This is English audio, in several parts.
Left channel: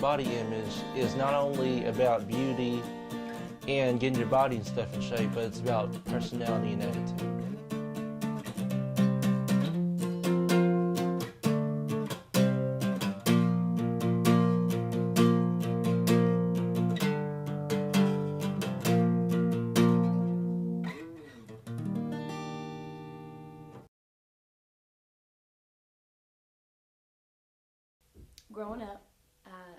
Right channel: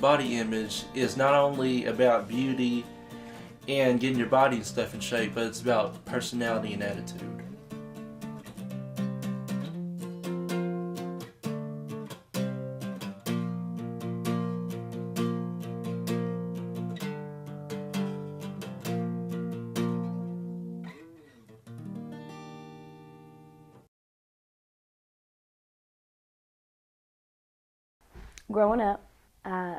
body image is not only about beauty and getting your body and stuff in shape, but it's about personality and attitude. Growing up, I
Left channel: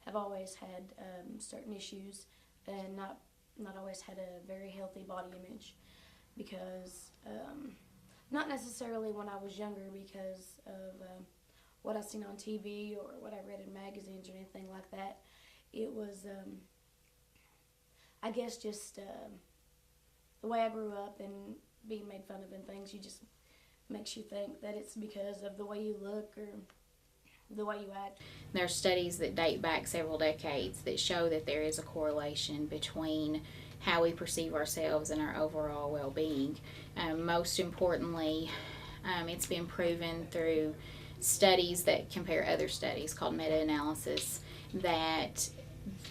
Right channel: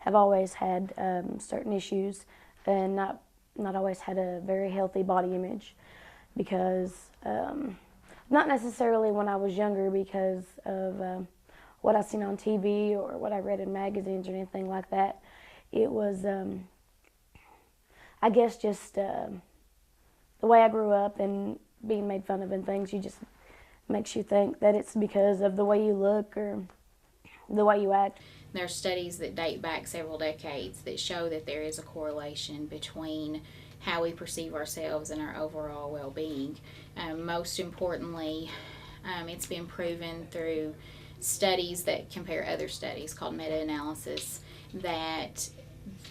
have always had certain issues and not always had a very healthy body image because, not necessarily when I was younger because of what I seen on TV or what I read in magazines or anything like that. It was, I guess, just the way I grew up and being made fun of and things, you just makes you think that it's because of the way you look or the way you act. There are studies that date back several decades that show that there is a correlation between how we perceive ourselves and our overall well-being. Most importantly, it's been proven through studies that compare other studies called meta-analysis that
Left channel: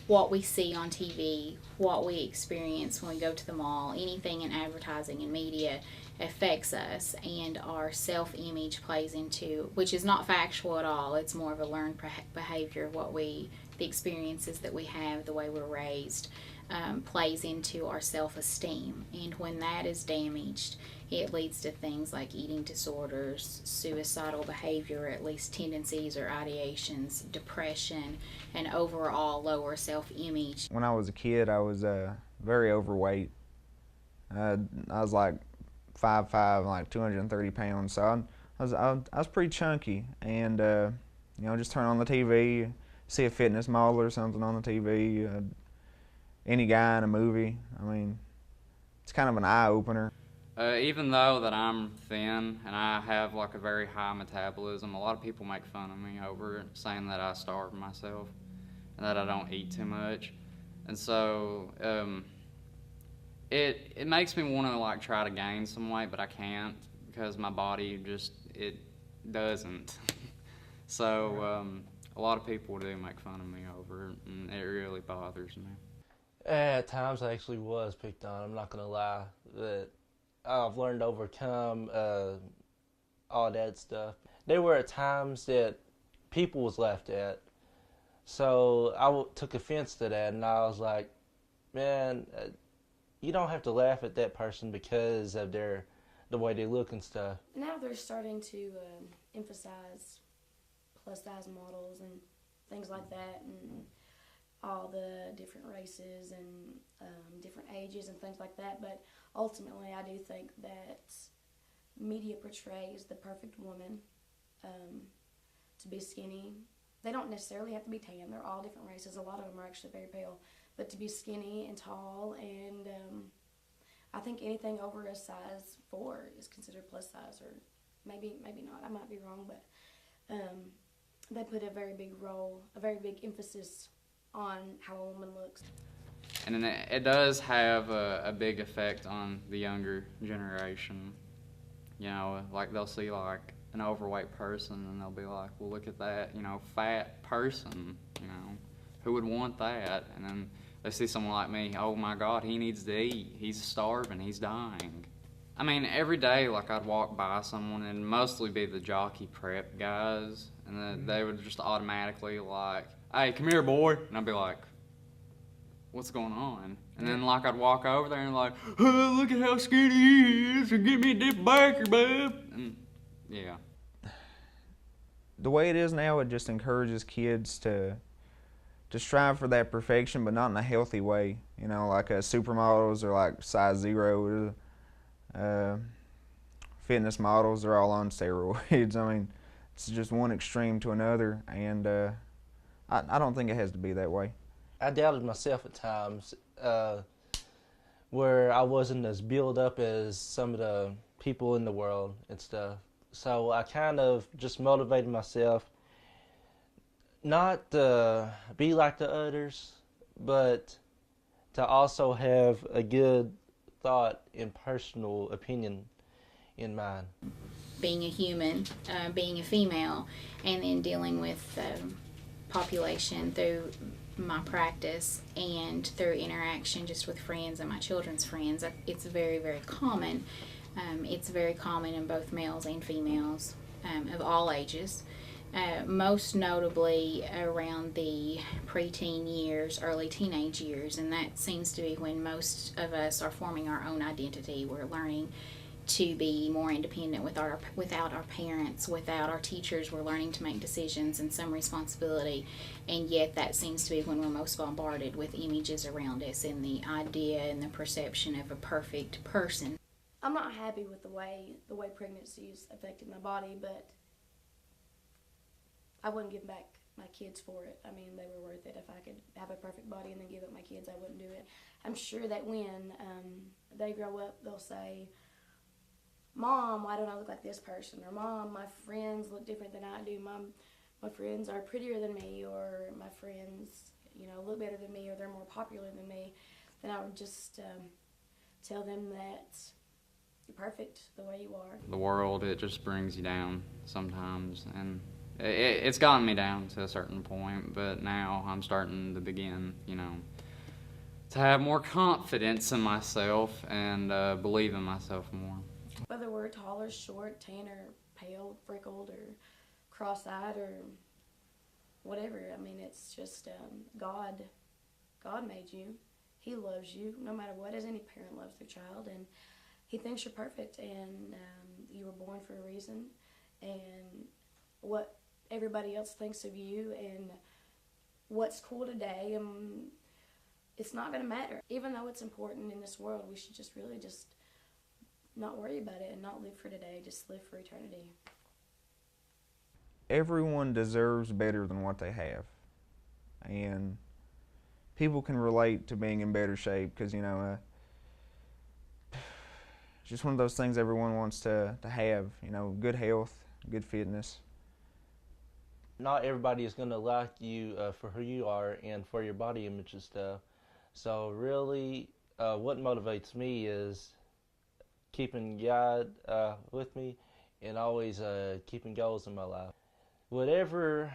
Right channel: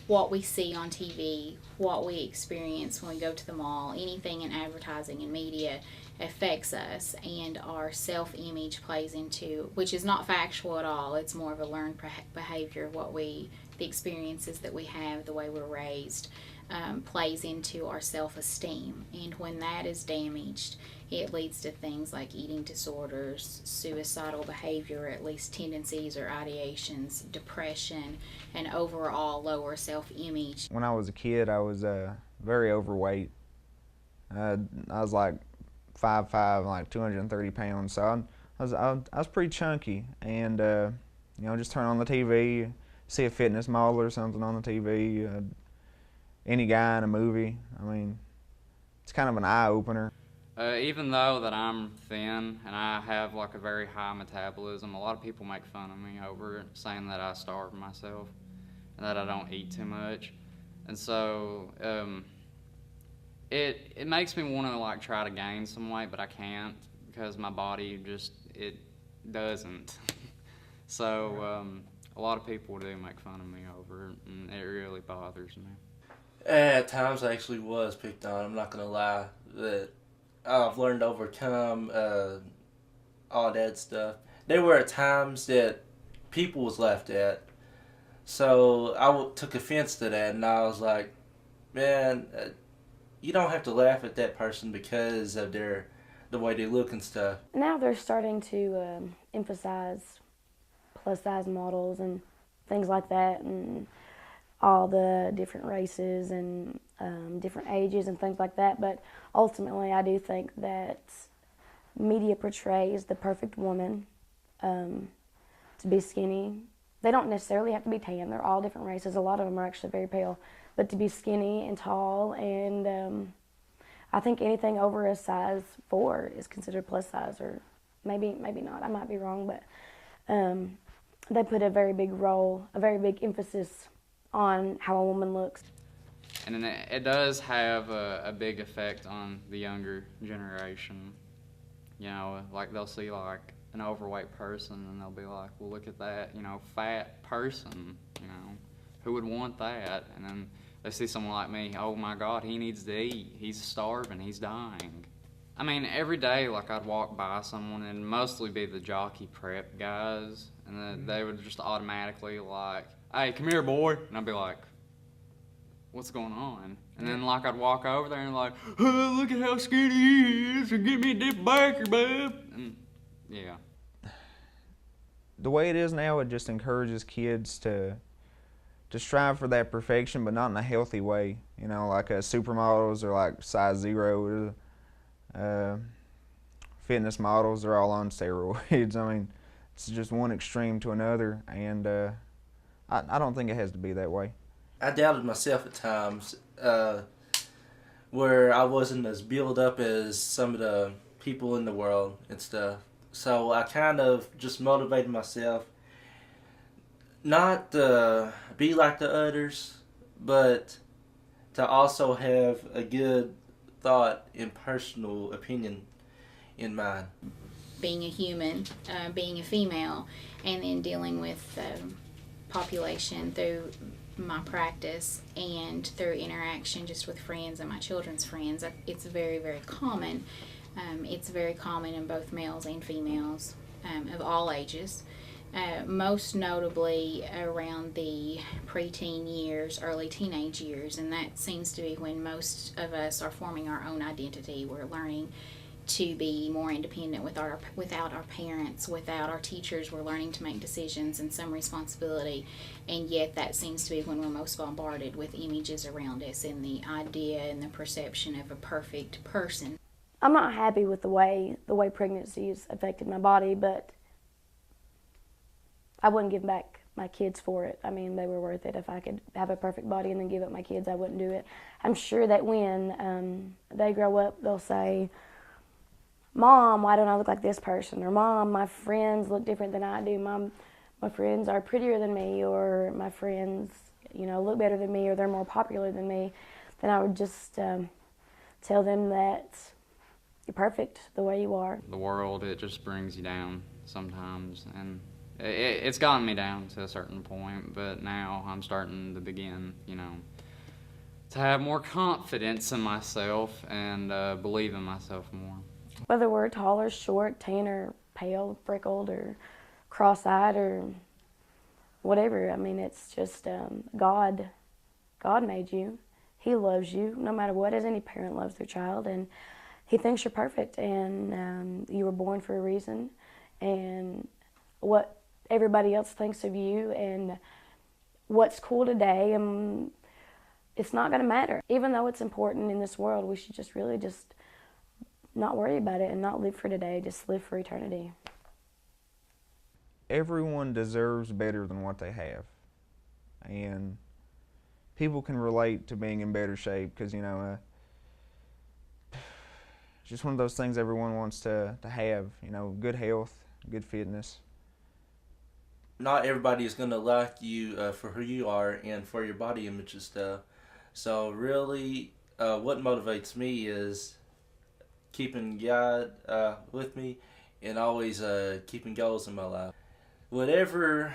what we see on TV, what we experience when we go to the mall, anything in advertising and media affects us, and our self-image plays into, which is not factual at all, it's more of a learned behavior, the experiences that we have, the way we're raised, plays into our self-esteem. And when that is damaged, it leads to things like eating disorders, suicidal behavior, at least tendencies or ideations, depression, and overall lower self-image. When I was a kid, I was very overweight. I was like 5'5", like 230 pounds. So I was pretty chunky, and just turn on the TV, see a fitness model or something on the TV, any guy in a movie. I mean, it's kind of an eye opener. Even though that I'm thin and I have like a very high metabolism, a lot of people make fun of me over it, saying that I starve myself and that I don't eat too much. And so it makes me want to like try to gain some weight, but I can't because my body just, it doesn't. So a lot of people do make fun of me over it, and it really bothers me. At times I actually was picked on, I'm not going to lie, that I've learned to overcome all that stuff. There were times that people was laughed at, so I took offense to that, and I was like, man, you don't have to laugh at that person because of the way they look and stuff. Now they're starting to emphasize plus-size models and things like that, and all the different races and different ages and things like that. But ultimately, I do think that media portrays the perfect woman to be skinny. They don't necessarily have to be tan. They're all different races. A lot of them are actually very pale. But to be skinny and tall, and I think anything over a size 4 is considered plus size, or maybe not. I might be wrong, but they put a very big emphasis on how a woman looks. And it does have a big effect on the younger generation. You know, like they'll see like an overweight person and they'll be like, well, look at that, fat person, who would want that? And then they see someone like me, oh my God, he needs to eat. He's starving, he's dying. I mean, every day, like I'd walk by someone and mostly be the jockey prep guys, and then they would just automatically like, hey, come here, boy. And I'd be like, what's going on? And then like I'd walk over there and like, oh, look at how skinny he is, and give me a dip backer, bub. And yeah. The way it is now, it just encourages kids to strive for that perfection, but not in a healthy way. Like supermodels are like size 0. Fitness models are all on steroids. I mean, it's just one extreme to another, and I don't think it has to be that way. I doubted myself at times, where I wasn't as built up as some of the people in the world and stuff. So I kind of just motivated myself not to be like the others, but to also have a good thought and personal opinion in mind. Being a human, being a female, and then dealing with population through my practice and through interaction just with friends and my children's friends. It's very, very common. It's very common in both males and females of all ages. Most notably around the preteen years, early teenage years, and that seems to be when most of us are forming our own identity. We're learning to be more independent without our parents, without our teachers. We're learning to make decisions and some responsibility, and yet that seems to be when we're most bombarded with images around us and the idea and the perception of a perfect person. I'm not happy with the way pregnancy has affected my body, but I wouldn't give back my kids for it. I mean, they were worth it. If I could have a perfect body and then give up my kids, I wouldn't do it. I'm sure that when they grow up, they'll say, Mom, why don't I look like this person? Or Mom, my friends look different than I do. Mom, my friends are prettier than me, or my friends, look better than me, or they're more popular than me. Then I would just tell them that you're perfect the way you are. The world, it just brings you down sometimes, and it's gotten me down to a certain point, but now I'm starting to begin, to have more confidence in myself and believe in myself more. Whether we're tall or short, tan or pale, freckled or cross-eyed or whatever, I mean, it's just God made you. He loves you no matter what, as any parent loves their child, and He thinks you're perfect, and you were born for a reason, and what everybody else thinks of you and what's cool today, and it's not going to matter. Even though it's important in this world, we should just really just not worry about it and not live for today, just live for eternity. Everyone deserves better than what they have, and people can relate to being in better shape because, it's just one of those things everyone wants to have, good health, good fitness. Not everybody is going to like you for who you are and for your body image and stuff. So really, what motivates me is keeping God with me and always keeping goals in my life. Whatever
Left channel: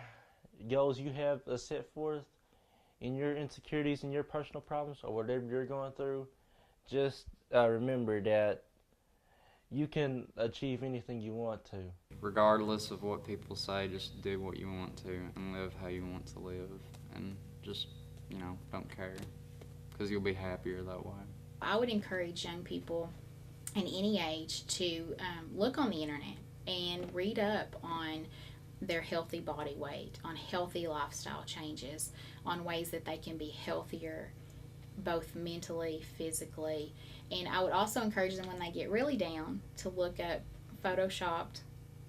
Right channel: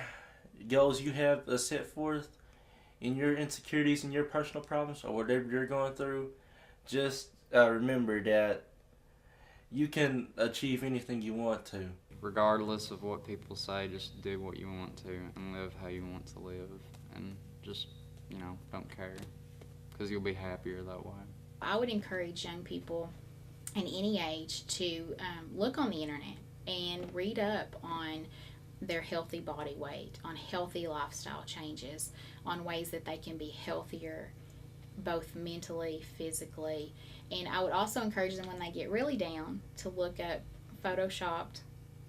goals you have set forth in your insecurities and your personal problems or whatever you're going through, just remember that you can achieve anything you want to. Regardless of what people say, just do what you want to and live how you want to live, and just, don't care, because you'll be happier that way. I would encourage young people in any age to look on the internet and read up on their healthy body weight, on healthy lifestyle changes, on ways that they can be healthier, both mentally, physically. And I would also encourage them when they get really down to look up Photoshopped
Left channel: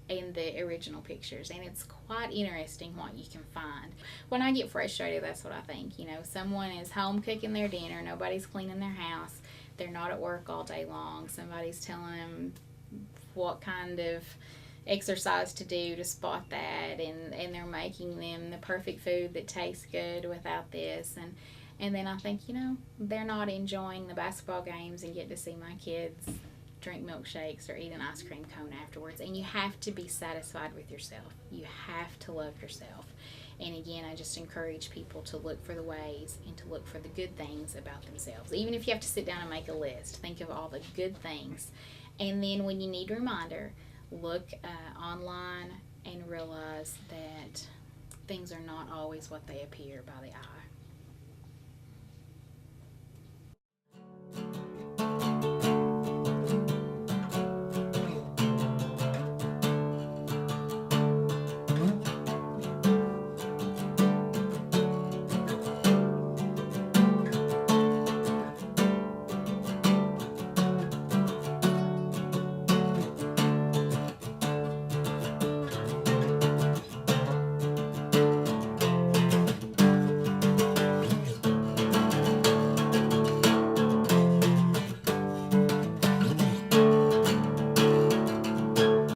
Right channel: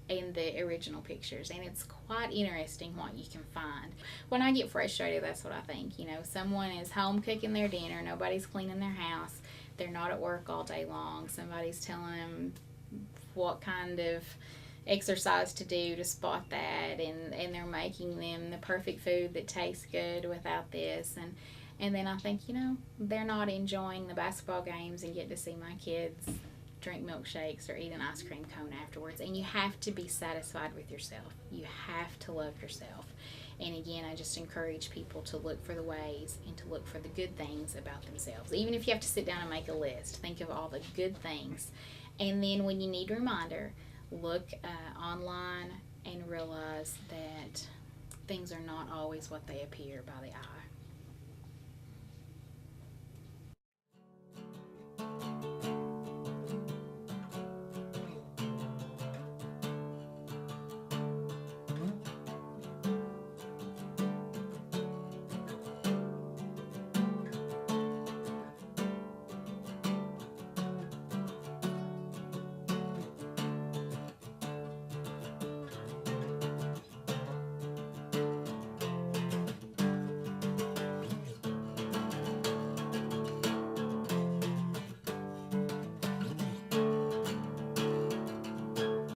and the original pictures, and it's quite interesting what you can find. When I get frustrated, that's what I think. Someone is home cooking their dinner, nobody's cleaning their house, they're not at work all day long, somebody's telling them what kind of exercise to do to spot that, and they're making them the perfect food that tastes good without this, and then I think, they're not enjoying the basketball games and get to see my kids drink milkshakes or eat an ice cream cone afterwards. And you have to be satisfied with yourself. You have to love yourself. And again, I just encourage people to look for the ways and to look for the good things about themselves. Even if you have to sit down and make a list, think of all the good things. And then when you need a reminder, look online and realize that things are not always what they appear by the eye.